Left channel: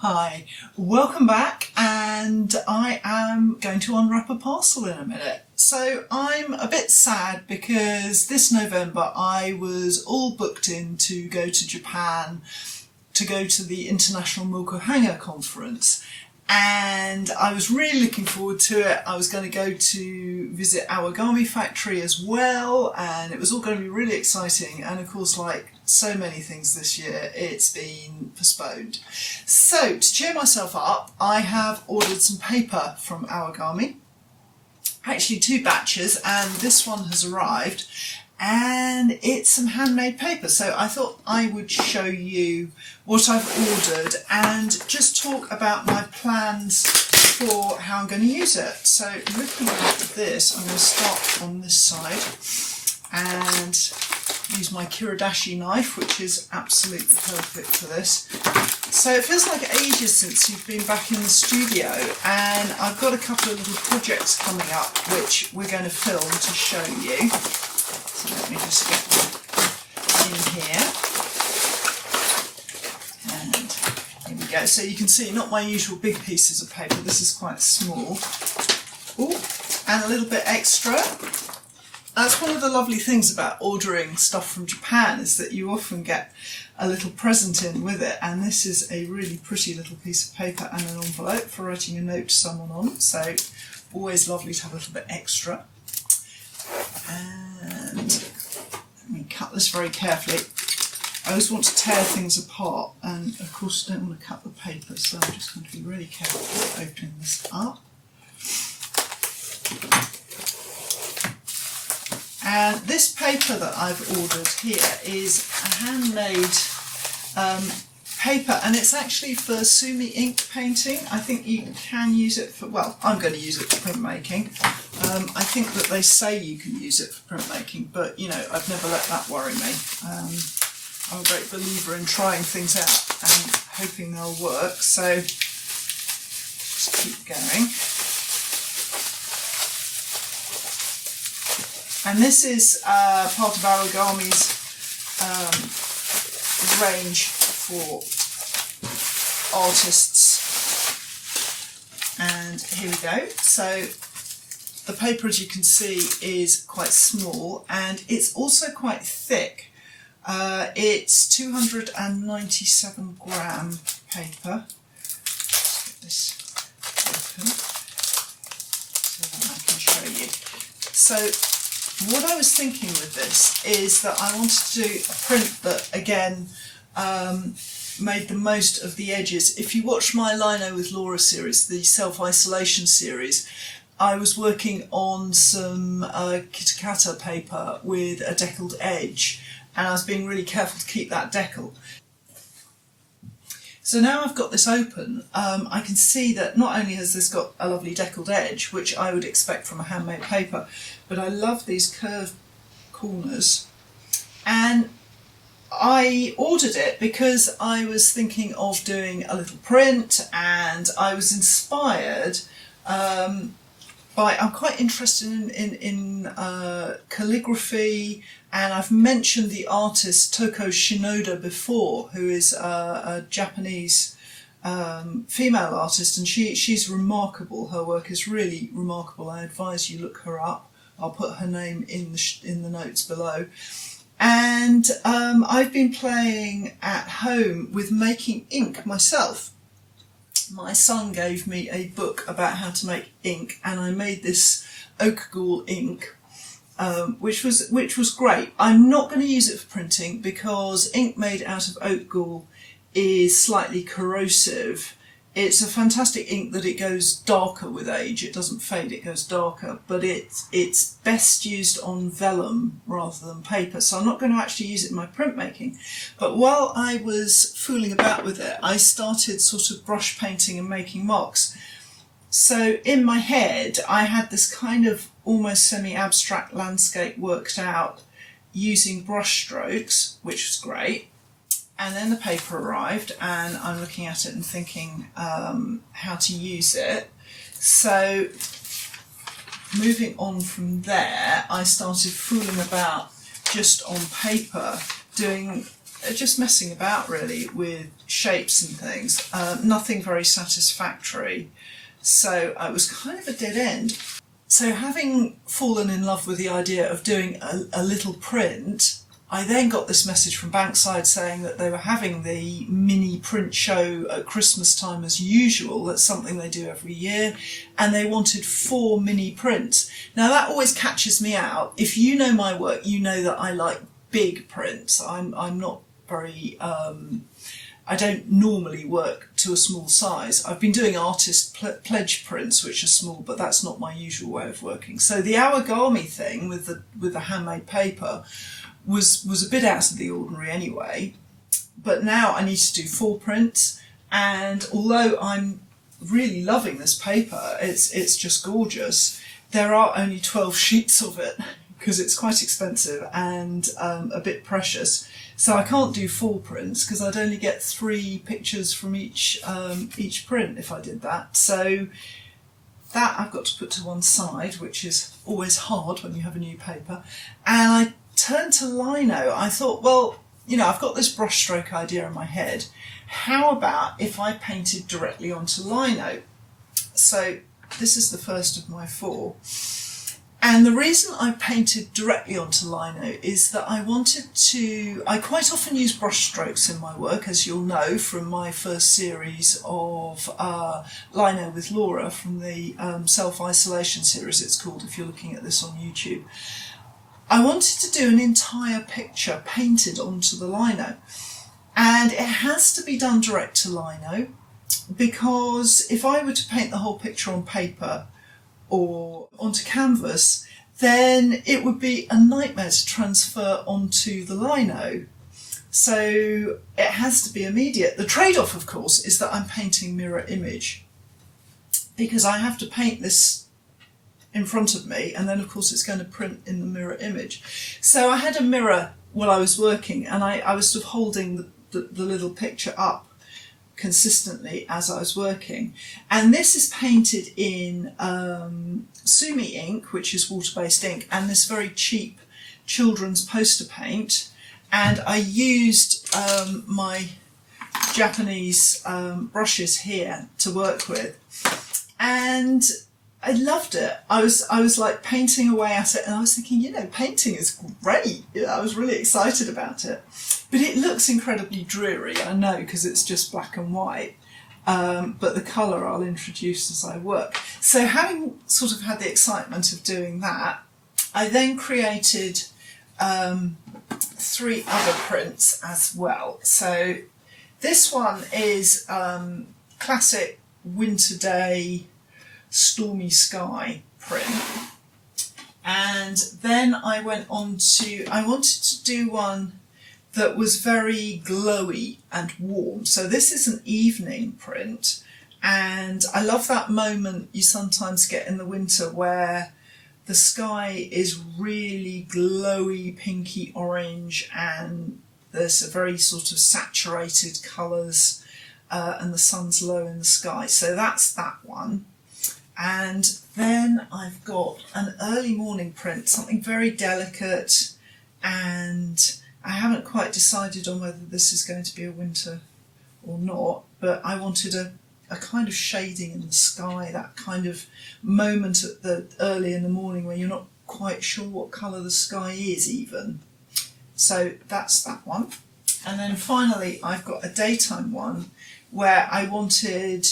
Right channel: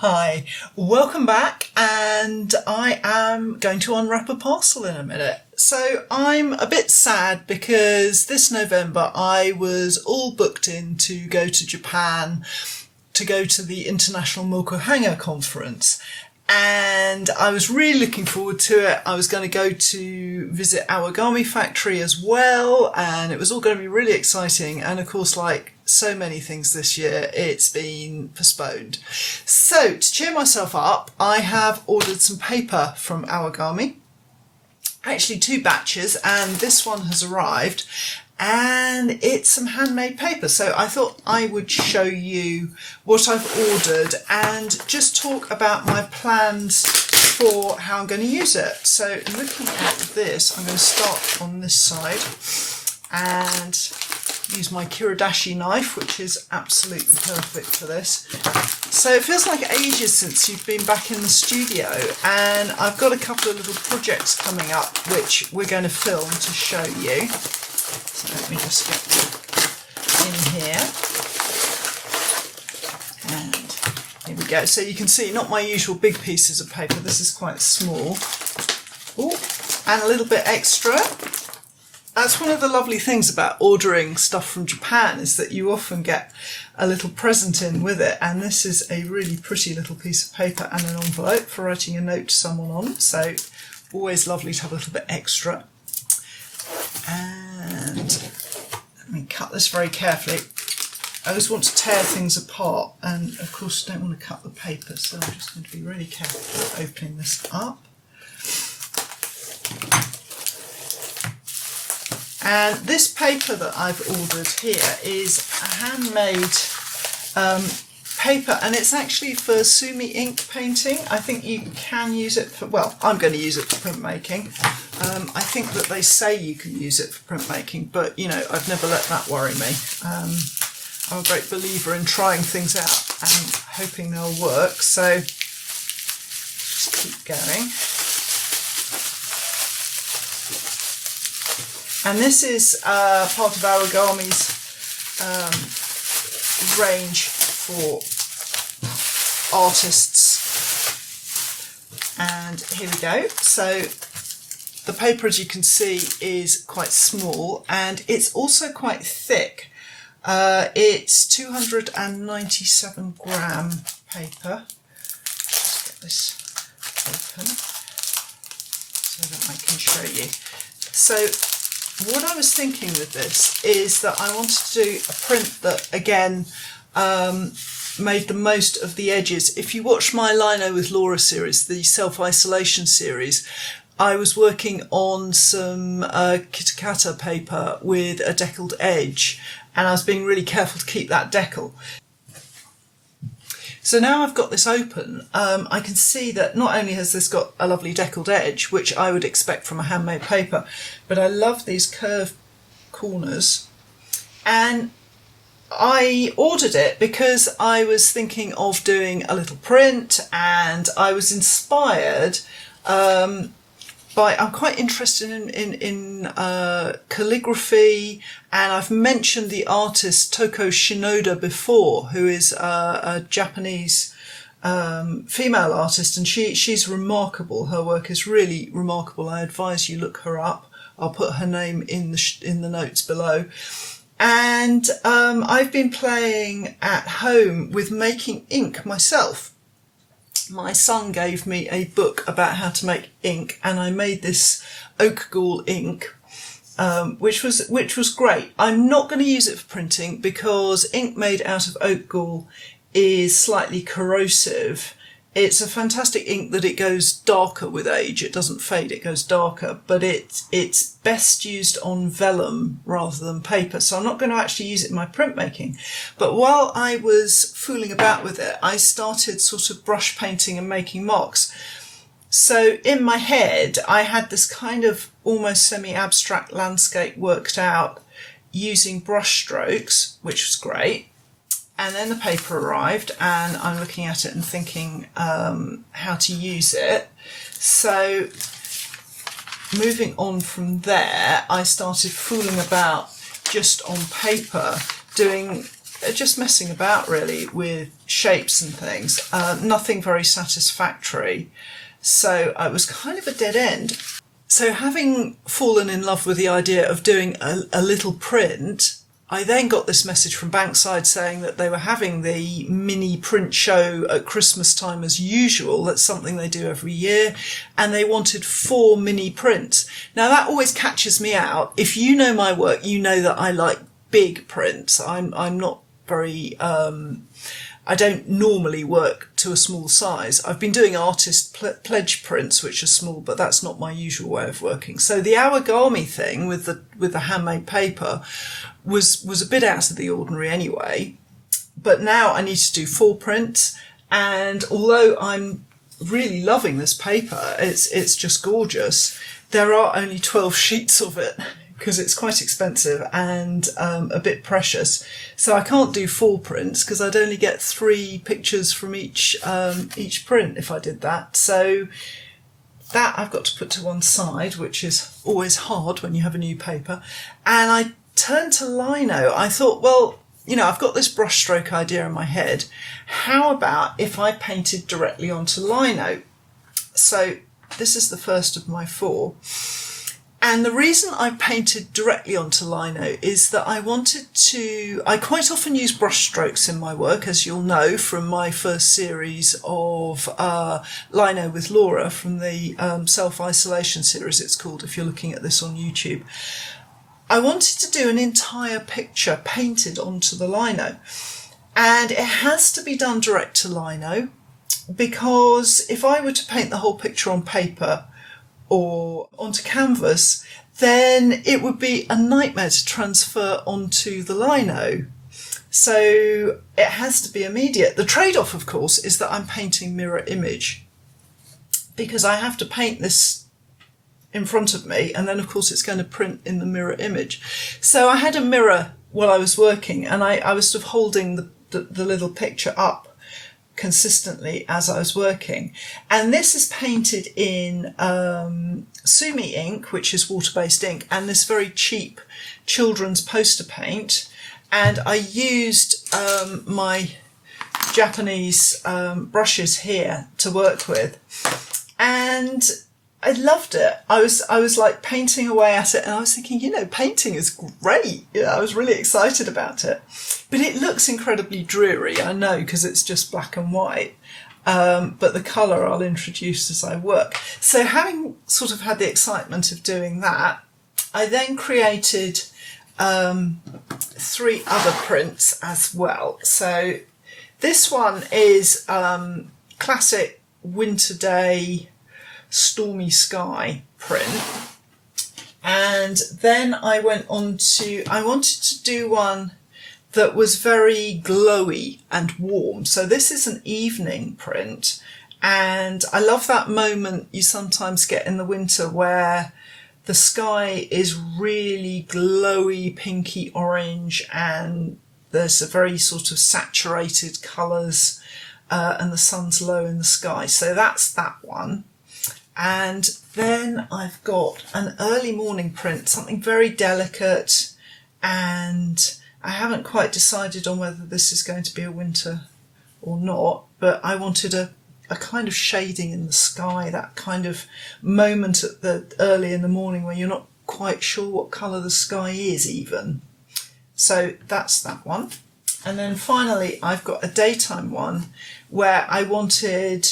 Hi, welcome back, and I am going to unwrap a parcel in a minute. So I'm a bit sad because this November I was all booked in to go to Japan to go to the International Mokuhanga Conference, and I was really looking forward to it. I was going to go to visit Awagami Factory as well, and it was all going to be really exciting. And of course, like so many things this year, it's been postponed. So to cheer myself up, I have ordered some paper from Awagami, actually 2 batches, and this one has arrived, and it's some handmade paper. So I thought I would show you what I've ordered and just talk about my plans for how I'm going to use it. So looking at this, I'm going to start on this side and use my Kiridashi knife, which is absolutely perfect for this. So it feels like ages since you've been back in the studio, and I've got a couple of little projects coming up which we're going to film to show you. So let me just get in here, and here we go. So you can see, not my usual big pieces of paper, this is quite small. Ooh, and a little bit extra. That's one of the lovely things about ordering stuff from Japan, is that you often get a little present in with it, and this is a really pretty little piece of paper and an envelope for writing a note to someone on, so always lovely to have a little bit extra. And let me cut this very carefully. I always want to tear things apart, and of course I don't want to cut the paper, so I'm just going to be really careful opening this up. And this paper that I've ordered here is a handmade paper, and it's actually for Sumi ink painting. I think you can use it for, well, I'm going to use it for printmaking. I think that they say you can use it for printmaking, but you know, I've never let that worry me. I'm a great believer in trying things out and hoping they'll work, so just keep going. And this is part of Awagami's range for artists. And here we go. So the paper, as you can see, is quite small, and it's also quite thick. It's 297 gram paper. Let's get this open so that I can show you. So what I was thinking with this is that I wanted to do a print that, again, made the most of the edges. If you watch my Lino with Laura series, the self-isolation series, I was working on some Kitakata paper with a deckled edge, and I was being really careful to keep that decal. So now I've got this open, I can see that not only has this got a lovely deckled edge, which I would expect from a handmade paper, but I love these curved corners. And I ordered it because I was thinking of doing a little print, and I was inspired I'm quite interested in calligraphy, and I've mentioned the artist Toko Shinoda before, who is a Japanese female artist, and she's remarkable. Her work is really remarkable. I advise you look her up. I'll put her name in the notes below. And I've been playing at home with making ink myself. My son gave me a book about how to make ink, and I made this oak gall ink, which was great. I'm not going to use it for printing because ink made out of oak gall is slightly corrosive. It's a fantastic ink that it goes darker with age. It doesn't fade, it goes darker, but it's best used on vellum rather than paper. So I'm not going to actually use it in my printmaking. But while I was fooling about with it, I started sort of brush painting and making mocks. So in my head, I had this kind of almost semi-abstract landscape worked out using brush strokes, which was great. And then the paper arrived, and I'm looking at it and thinking how to use it. So moving on from there, I started fooling about just on paper, just messing about really with shapes and things, nothing very satisfactory. So it was kind of a dead end. So having fallen in love with the idea of doing a little print, I then got this message from Bankside saying that they were having the mini print show at Christmas time as usual. That's something they do every year. And they wanted 4 mini prints. Now that always catches me out. If you know my work, you know that I like big prints. I'm not very, I don't normally work to a small size. I've been doing artist pledge prints, which are small, but that's not my usual way of working. So the origami thing with the handmade paper was a bit out of the ordinary anyway. But now I need to do 4 prints, and although I'm really loving this paper, it's just gorgeous. There are only 12 sheets of it, because it's quite expensive and a bit precious. So I can't do 4 prints because I'd only get 3 pictures from each print if I did that. So that I've got to put to one side, which is always hard when you have a new paper. And I turned to lino. I thought, well, you know, I've got this brushstroke idea in my head. How about if I painted directly onto lino? So this is the first of my 4. And the reason I painted directly onto lino is that I quite often use brush strokes in my work, as you'll know from my first series of Lino with Laura, from the self-isolation series it's called, if you're looking at this on YouTube. I wanted to do an entire picture painted onto the lino, and it has to be done direct to lino, because if I were to paint the whole picture on paper or onto canvas, then it would be a nightmare to transfer onto the lino. So it has to be immediate. The trade-off, of course, is that I'm painting mirror image, because I have to paint this in front of me, and then of course it's going to print in the mirror image. So I had a mirror while I was working, and I was sort of holding the little picture up consistently as I was working. And this is painted in Sumi ink, which is water-based ink, and this very cheap children's poster paint. And I used my Japanese brushes here to work with, and I loved it. I was like painting away at it, and I was thinking, you know, painting is great. You know, I was really excited about it. But it looks incredibly dreary, I know, because it's just black and white. But the colour I'll introduce as I work. So having sort of had the excitement of doing that, I then created 3 other prints as well. So this one is classic winter day stormy sky print, and then I went on to, I wanted to do one that was very glowy and warm. So this is an evening print, and I love that moment you sometimes get in the winter where the sky is really glowy, pinky orange, and there's a very sort of saturated colours, and the sun's low in the sky. So that's that one. And then I've got an early morning print, something very delicate, and I haven't quite decided on whether this is going to be a winter or not, but I wanted a kind of shading in the sky, that kind of moment at the early in the morning where you're not quite sure what colour the sky is even. So that's that one. And then finally I've got a daytime one where I wanted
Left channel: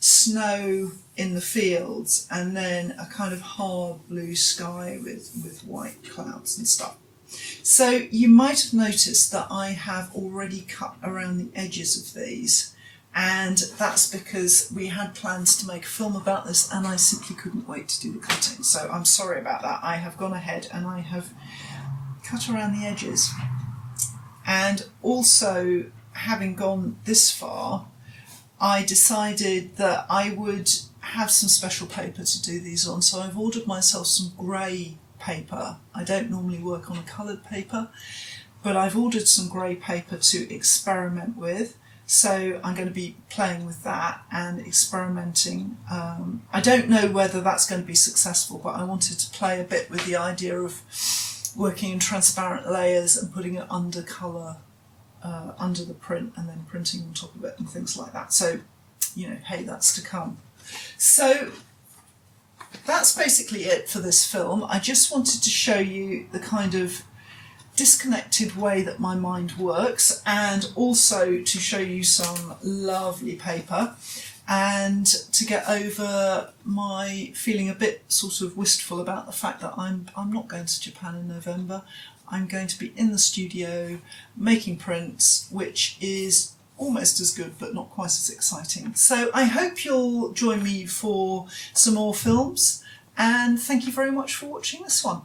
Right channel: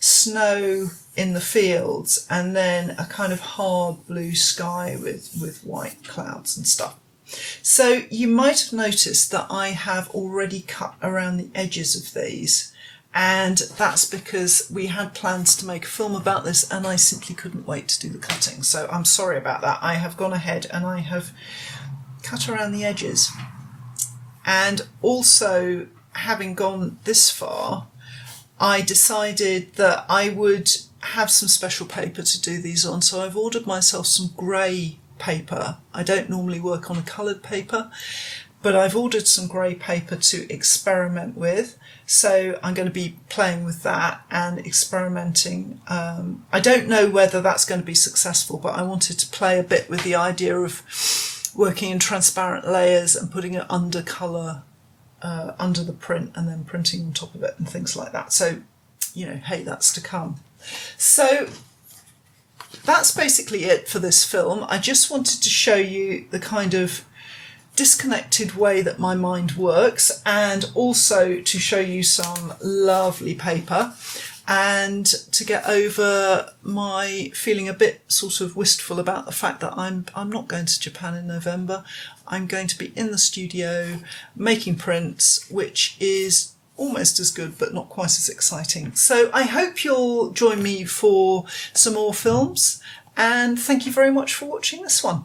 snow in the fields and then a kind of hard blue sky with white clouds and stuff. So you might have noticed that I have already cut around the edges of these, and that's because we had plans to make a film about this and I simply couldn't wait to do the cutting. So I'm sorry about that. I have gone ahead and I have cut around the edges. And also, having gone this far, I decided that I would have some special paper to do these on. So I've ordered myself some grey paper. I don't normally work on a coloured paper, but I've ordered some grey paper to experiment with. So I'm going to be playing with that and experimenting. I don't know whether that's going to be successful, but I wanted to play a bit with the idea of working in transparent layers and putting an undercolour under the print and then printing on top of it and things like that. So, you know, hey, that's to come. So that's basically it for this film. I just wanted to show you the kind of disconnected way that my mind works, and also to show you some lovely paper, and to get over my feeling a bit sort of wistful about the fact that I'm not going to Japan in November. I'm going to be in the studio making prints, which is almost as good but not quite as exciting. So I hope you'll join me for some more films, and thank you very much for watching this one.